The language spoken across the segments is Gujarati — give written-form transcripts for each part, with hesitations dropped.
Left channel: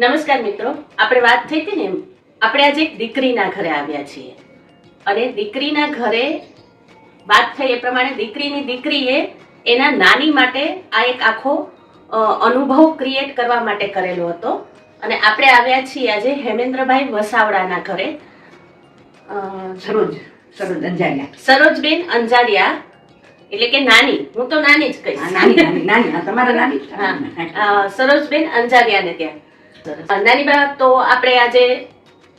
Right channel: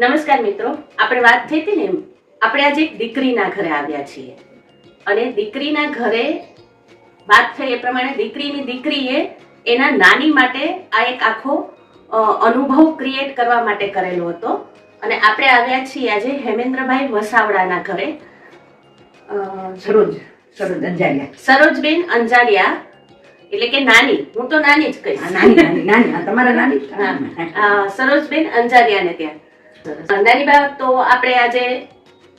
નમસ્કાર મિત્રો, આપણે વાત થઈ હતી ને એમ આપણે આજે એક દીકરીના ઘરે આવ્યા છીએ અને દીકરીના ઘરે વાત થઈ એ પ્રમાણે દીકરીની દીકરીએ એના નાની માટે આ એક આખો અનુભવ ક્રિએટ કરવા માટે કરેલો હતો અને આપણે આવ્યા છીએ આજે હેમેન્દ્રભાઈ વસાવડાના ઘરે. સરોજબેન અંજારિયા એટલે કે નાની, હું તો નાની જ કહીશ. સરોજબેન અંજારિયાને ત્યાં. નાની બા, તો આપણે આજે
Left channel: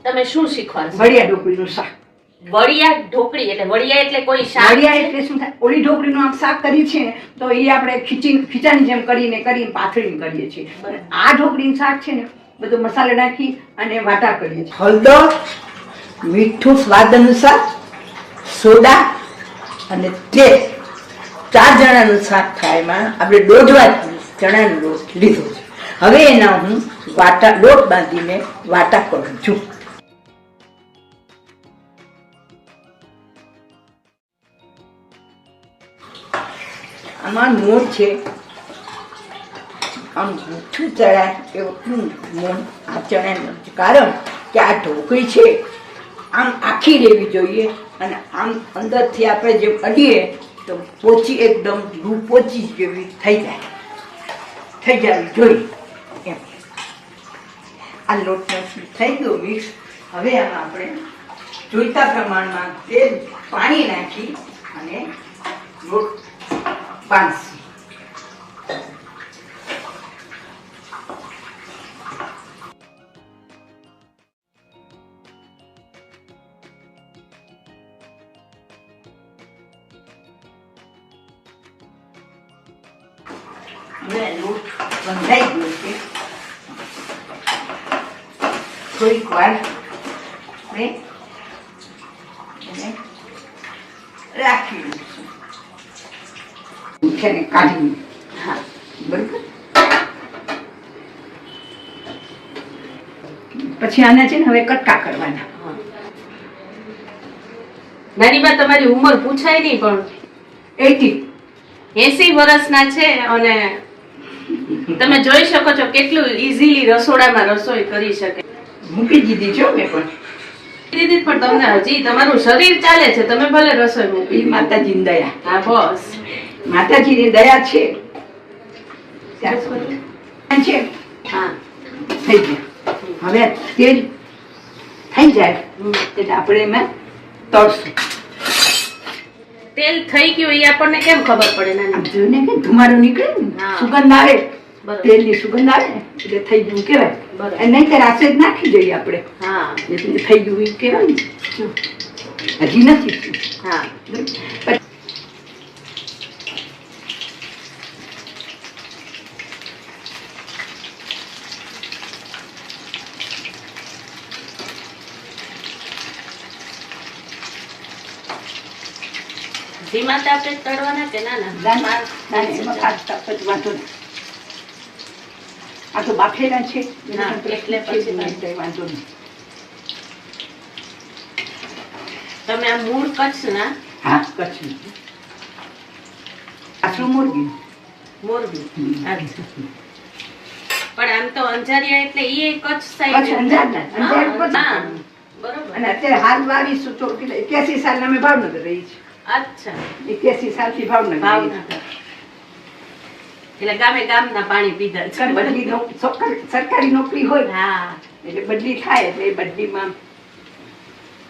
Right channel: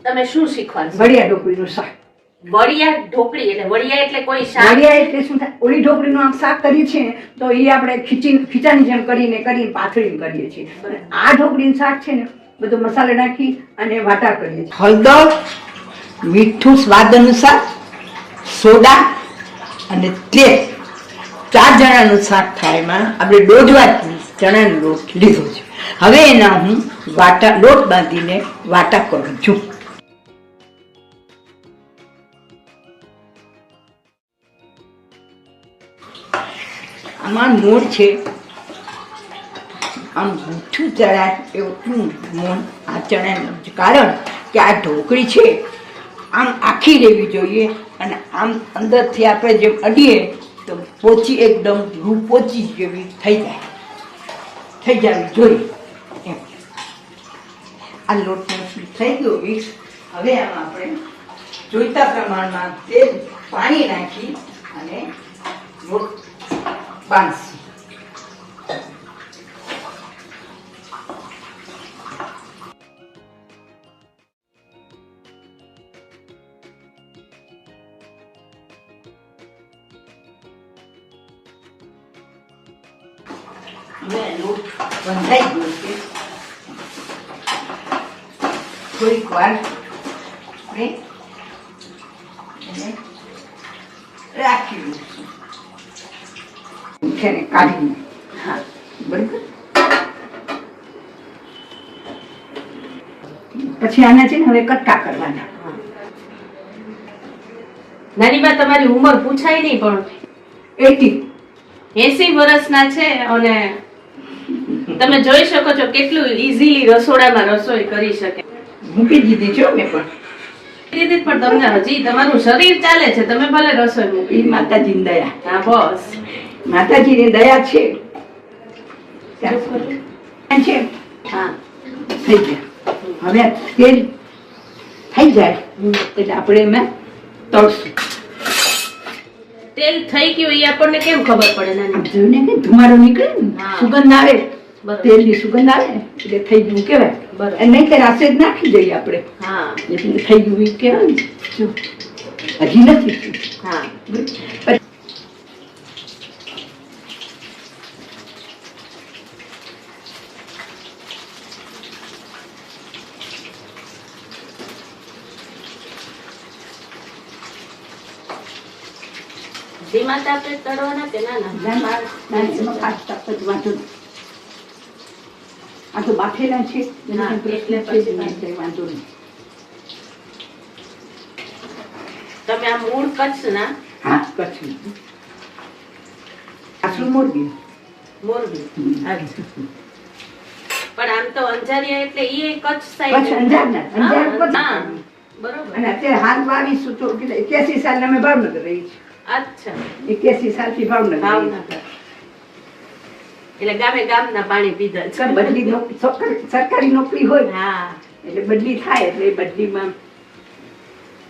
તમે શું શીખવાડશો? વડિયા ઢોકળીનું શાક. વડિયા ઢોકળી એટલે વડિયા એટલે કોઈ શાક? વડિયા એટલે શું થાય, ઓલી ઢોકળીનું આમ શાક કરીએ છીએ ને તો એ આપણે ખીચાની જેમ કરીને પાથરીને કરીએ છીએ. આ ઢોકળીનું શાક છે ને બધો મસાલો નાખી અને વાટા કરીએ છીએ. હળદર, મીઠું સ્વાદ અનુસાર, સોડા અને તેલ. 4 જણાનું શાક થાય. એમાં આપણે 1.5 વાટકી ચણાનો લોટ લીધો છે. હવે એના હું લોટ બાંધીને વાટા કરું છું. આમાં મોણ છે, આમ મીઠું ચડાય એવું મોણ આ ચણાનું, કારણ કે આ ઢોકળી છે આમ આખી રહેવી જોઈએ અને આમ અંદરથી આપણે જેમ અડીએ તો પોચી એકદમ રૂ પોચી જેવી થઈ જવી જોઈએ. એમ આ લોટ થઈ ગયો મિક્સ. હવે આમાં આપણે જોઈતા પ્રમાણમાં તેલ પાણી નાખી અને લોટ બાંધશું. હવે લોટ બંધાઈ ગયો છે. થોડીક વાર આપણે રાખી દઈશું. ઉઠીને કાઢીને. હા, બરાબર. પછી આના છે ને હવે કટકા કરવાના. નાની બા, તમારી ઉંમર પૂછાય નહીં પણ 80 વર્ષના છે અને તમે જોઈ શકો છો કેટલું ઈઝીલી રસોડામાં રસોઈ કરી શકે. મૂકી દીધી છો મેં પણ. દીદી, પણ તમને હજી તમારું શરીર ચાલે છે, તમે ભલે રસોઈ મૂકી. માતાજીની દયા. હા, બસ માતાજીની દયા છે. હા, થઈ ગયા. હવે તેલ થઈ જાય એટલે આપણે એમાં તળશું. તેલ થઈ ગયું એ આપણને કેમ ખબર પડે? જોઈને કે ધુમાડો નીકળે ને, સુગંધ આવે, તેલની સુગંધ આવે એટલે થઈ ગયું કેવાય. નહીં તો રાસે જ નાખી દઈએ આપણે. હા, એટલે થઈ ગયું એ કહેવાય ને. હજી નથી. હા, ધીમા તાપે તળવાના કે નાના? આ તો બાફેલા છે એટલે પછી વાંધો નહીં. તમે આ મૂળ કચ્છના? હા, કચ્છ. આસુ મોરબી. મોરબી. પણ આમ તો અંજારિયા એટલે એ કચ્છ સાઈડ. બરોબર. અને અત્યારે હાલ 81 સાલ અમે ભાવનગર રહી છીએ. અચ્છા, 81 સાલથી ભાવનગર. એટલે ગામે ગામના પાણી પીધા છે. બદલી સરકારી નોકરી હોય. હા, એટલે બદલી થાય એટલે એ બદલીમાં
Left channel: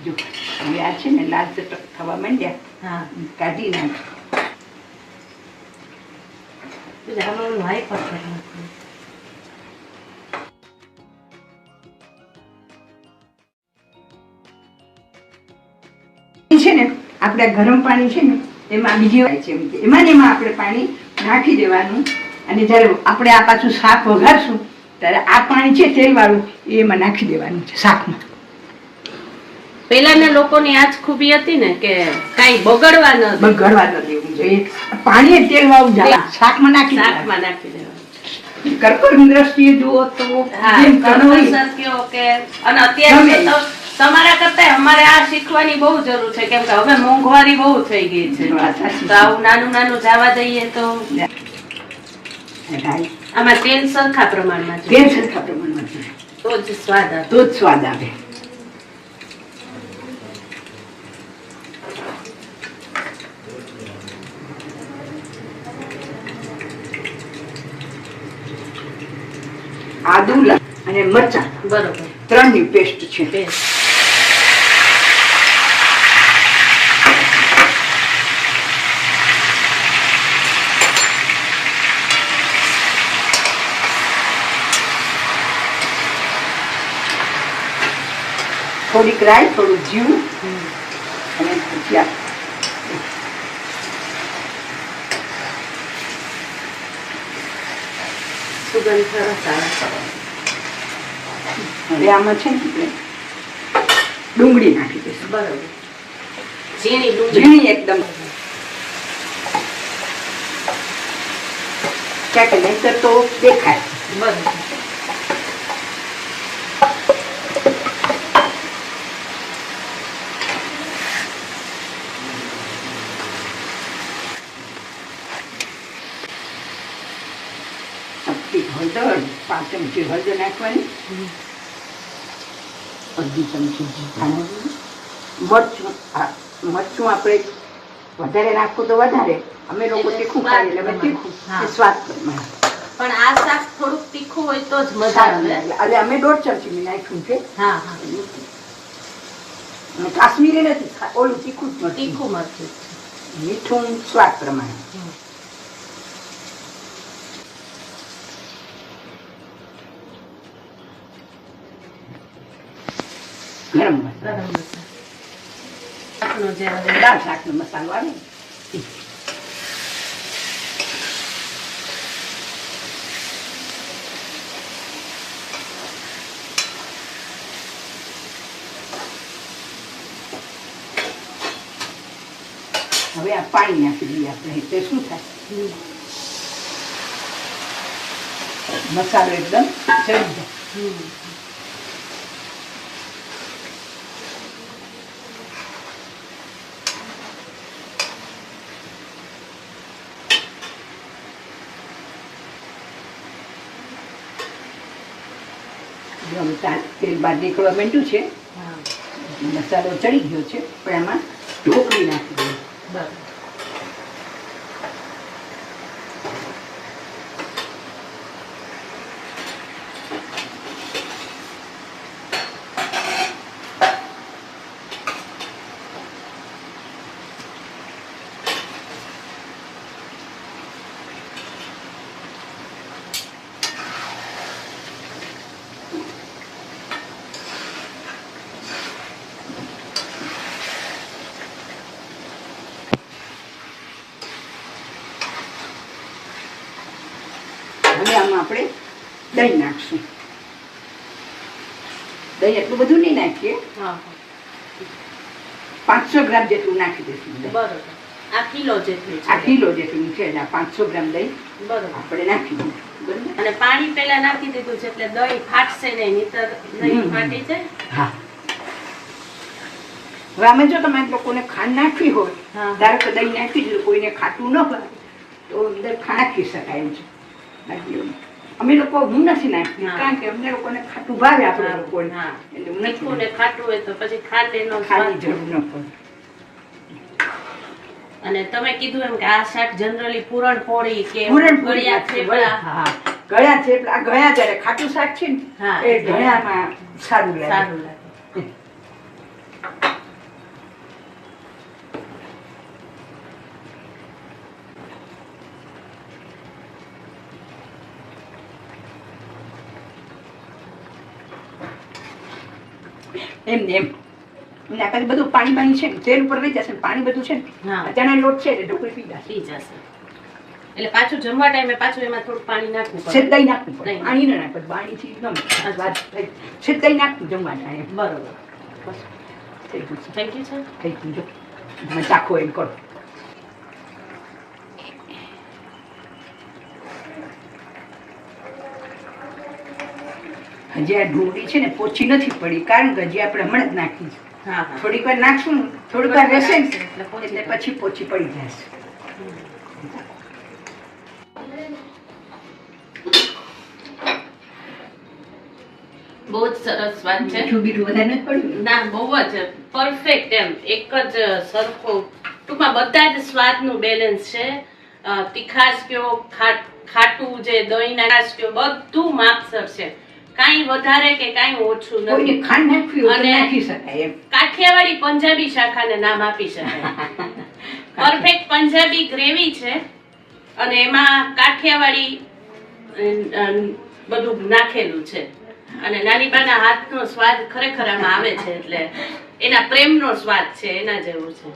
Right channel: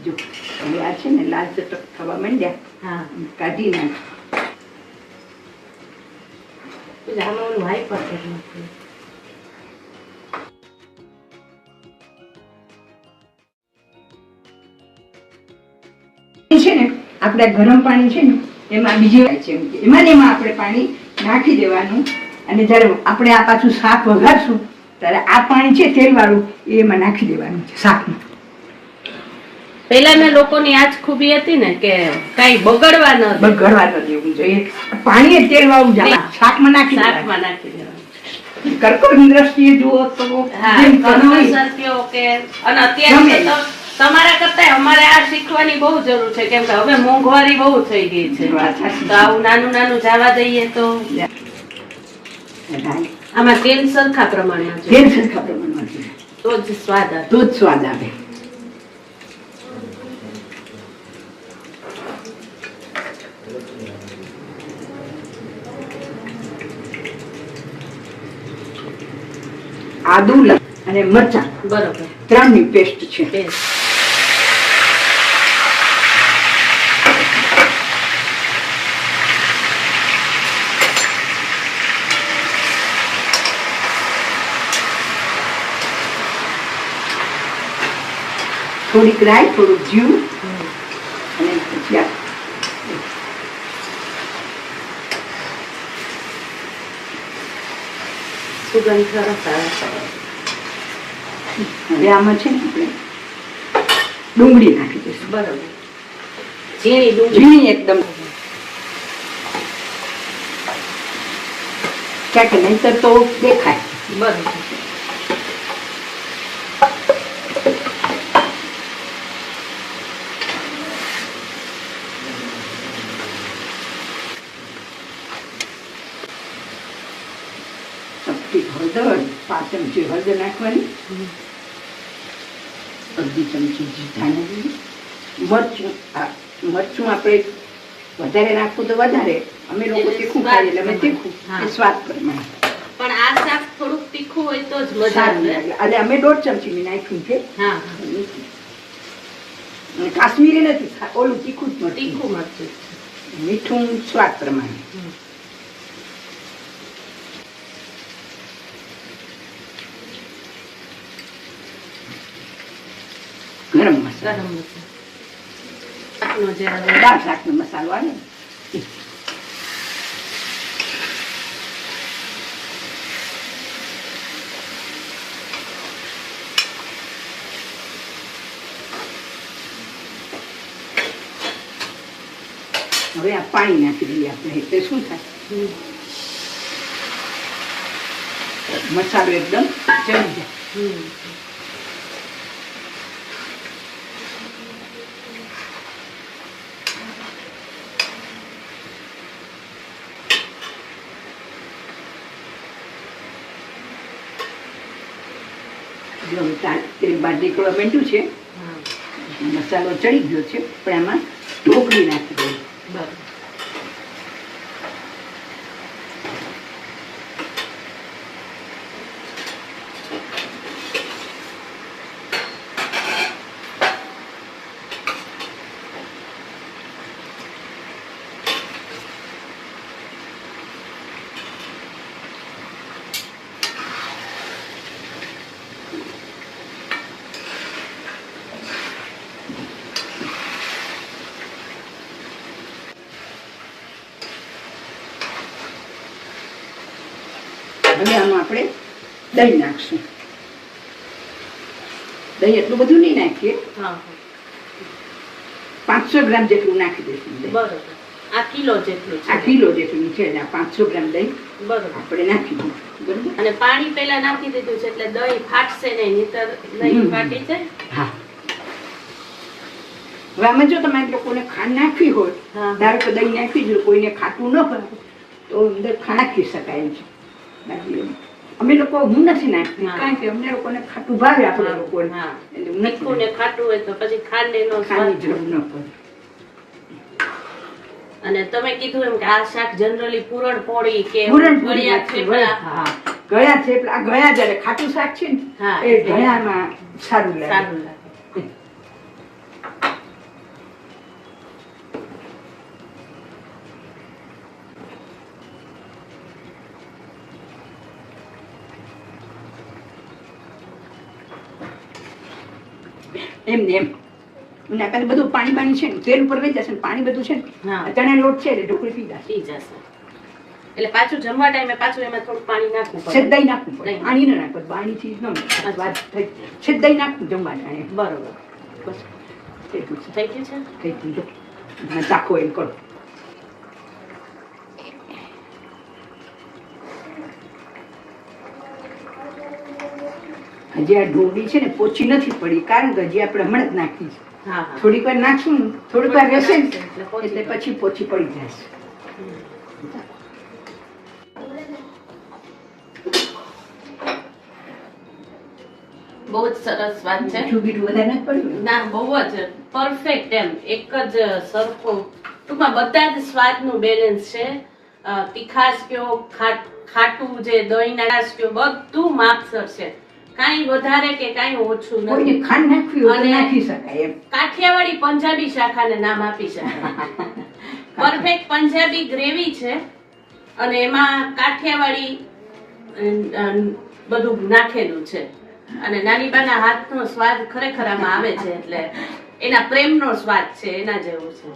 જો હવે આ છે ને લાલ ચટક થવા માંડ્યા. હા, કાઢી નાખ. આમાં ઓલું વાઇપર કરી નાખ્યું. છે ને આપણે ગરમ પાણી છે ને એમાં બીજી વાત છે એમાં ને એમાં આપણે પાણી નાખી દેવાનું અને જ્યારે આપણે આ પાછું શાક વઘારશું ત્યારે આ પાણી છે તેલ વાળું એમાં નાખી દેવાનું છે શાકમાં. પહેલાના લોકોની આ જ ખૂબી હતી ને કે કઈ બગડવા ન દેવું જોઈએ. પાણી તેલ વાળું શાકમાં નાખી દેવાનું. કર્કળની દ્રષ્ટિએ જુઓ તો અત્યારે તમારા કરતા અમારે આ શીખવાની બહુ જરૂર છે, કેમ કે હવે મોંઘવારી બહુ થઈ ગઈ છે. તો આવું નાનું નાનું જવા દઈએ તો રાઈ આમાં તેલ સરખા પ્રમાણમાં તેલ જોઈએ સરખા પ્રમાણમાં જોઈએ તો જ સ્વાદ આવે. તો જ સ્વાદ આવે. આદુ અને મરચાં બરોબર. 3ની પેસ્ટ છે. તેલ. થોડીક રાઈ, થોડુંક જીરું અને પછી આ સુગંધ સરસ આવે. હવે આમાં છે ને આપણે ડુંગળી નાખી દઈશું. બરોબર. ઝીણી ડુંગળી. ઝીણી એકદમ, ક્યાંક નહીંતર તો દેખાય. બરોબર. ચપટી હળદર, 5 ચમચી હળદર નાખવાની, અડધી ચમચી ધાણા, મરચું. મરચું આપણે વધારે નાખવું તો વધારે, અમે લોકો એટલે તીખું સ્વાદ ખાઈએ એટલે અમે પ્રમાણે. તીખું, હા. એ સ્વાદ પ્રમાણે પણ આ શાક થોડુંક તીખું હોય તો જ મજા સારું આવે. લાગે. એટલે અમે 1.5 ચમચી નાખ્યું છે. હા હા. અને કાશ્મીરી નથી, ઓલું તીખું જ મરચું. તીખું મરચું. મીઠું સ્વાદ પ્રમાણે. ગરમ મસાલો, ગરમ મસાલો. શાકનો જે આવે. દાળ શાકનો મસાલો આવે. હવે આ પાણી નાખી દઈએ આપણે, એટલે શું થાય, મસાલો એકદમ ચડી જાય. તેલ બાદ નીકળવા માંડ્યું છે, મસાલો ચડી ગયો છે, પણ એમાં ઢોકળી નાખી દઈએ. બરોબર. હવે આમાં આપણે દહીં નાખશું. દહીં એટલું બધું નહીં નાખીએ, હા. 500 ગ્રામ જેટલું નાખી દઈશું દહીં. બરોબર. આ કિલો જેટલું છે. આ કિલો જેટલું છે, એટલે 500 ગ્રામ દહીં બરોબર. આપણે નાખી દીધું. બરોબર. અને પાણી પહેલા નાખી દીધું છે એટલે દહીં ફાટશે નહીં, નહીંતર દહીં ફાટી જાય. હા. હવે આમાં જો તમારે લોકોને ખાંડ નાખવી હોય, હા. ધારો કે દહીં નાખી દીધું, કોઈને ખાટું ન ભાવે તો અંદર ખાંડ નાખી શકાય છે. અમે લોકો હું નથી નાખતી, હા. કારણ કે અમને લોકોને ખાટું ભાવે, આપણે હા. લોકોને, હા. એટલે હું નથી તીખું ને ખાટું હોય તો પછી ખાંડેનો ખાંડની સ્વાદ. જરૂર ન પડે. અને તમે કીધું એમ કે આ શાક જનરલી પૂરણપોળી કે પૂરણપોળી ગળ્યા નાખી, થેપલા. હા, ગળ્યા થેપલા. આ ગળ્યા જ્યારે ખાટું શાક છે ને, હા. એ ગળ્યામાં સારું લાગે. સારું લાગે. એમ ને એમ. અને આ બધું પાણી છે ને, તેલ ઉપર રહી જશે ને, પાણી બધું છે ને, હા. આ ચણા લોટ છે એટલે ઢોકળી પી જશે. પી જશે. એટલે પાછું જમવા ટાઈમે પાછું એમાં થોડું પાણી નાખવું પડે. સિદ્ધાઈ નાખવું પડે, નહીં. પાણી ન નાખવું, પાણીથી ન મળે. વાત થઈ. સિદ્ધાઈ નાખવું જમવા ટાણે. બરોબર. થઈ ગયું છે. થઈ ગયું છે. થઈ ગયું જો. તમે ચાખો એમ કરો. હજી આ ડુંગળી છે ને પોચી નથી પડી, કારણ કે હજી આપણે હમણાં જ નાખી છે. હા હા. થોડીક વાર નાખશું ને, થોડીક વાર રહેશે ને, એટલે પોચી એટલે પડે. પછી પોચી પડી જશે. બહુ જ સરસ સ્વાદ છે. મીઠું બીઠું વધારે નથી પડ્યું ના, બહુ જ પરફેક્ટ, એમ એક જ સરખો, ટૂંકમાં બધા જ સ્વાદનું બેલેન્સ છે. તીખાશ કયો, ખાટું જે દહીંના રસ કયો, બધું માપસર છે. કાંઈ વધારે કે કાંઈ ઓછું નથી. કોઈને ખાંડ નાખવી હોય તો અને નાખી શકાય એમ. કાઠિયાવાડી પંજાબી શાખાને નામ આપી શકાય. પરફેક્ટ પંજાબી ગ્રેવી છે અને એમાં કાઠિયાવાડી બધું નાખેલું છે. અને નાનીબાના હાથનો સ્વાદ ખરેખર આમાં આવે છે, એટલે એના પ્રેમનો સ્વાદ છે, એના જેવું છે.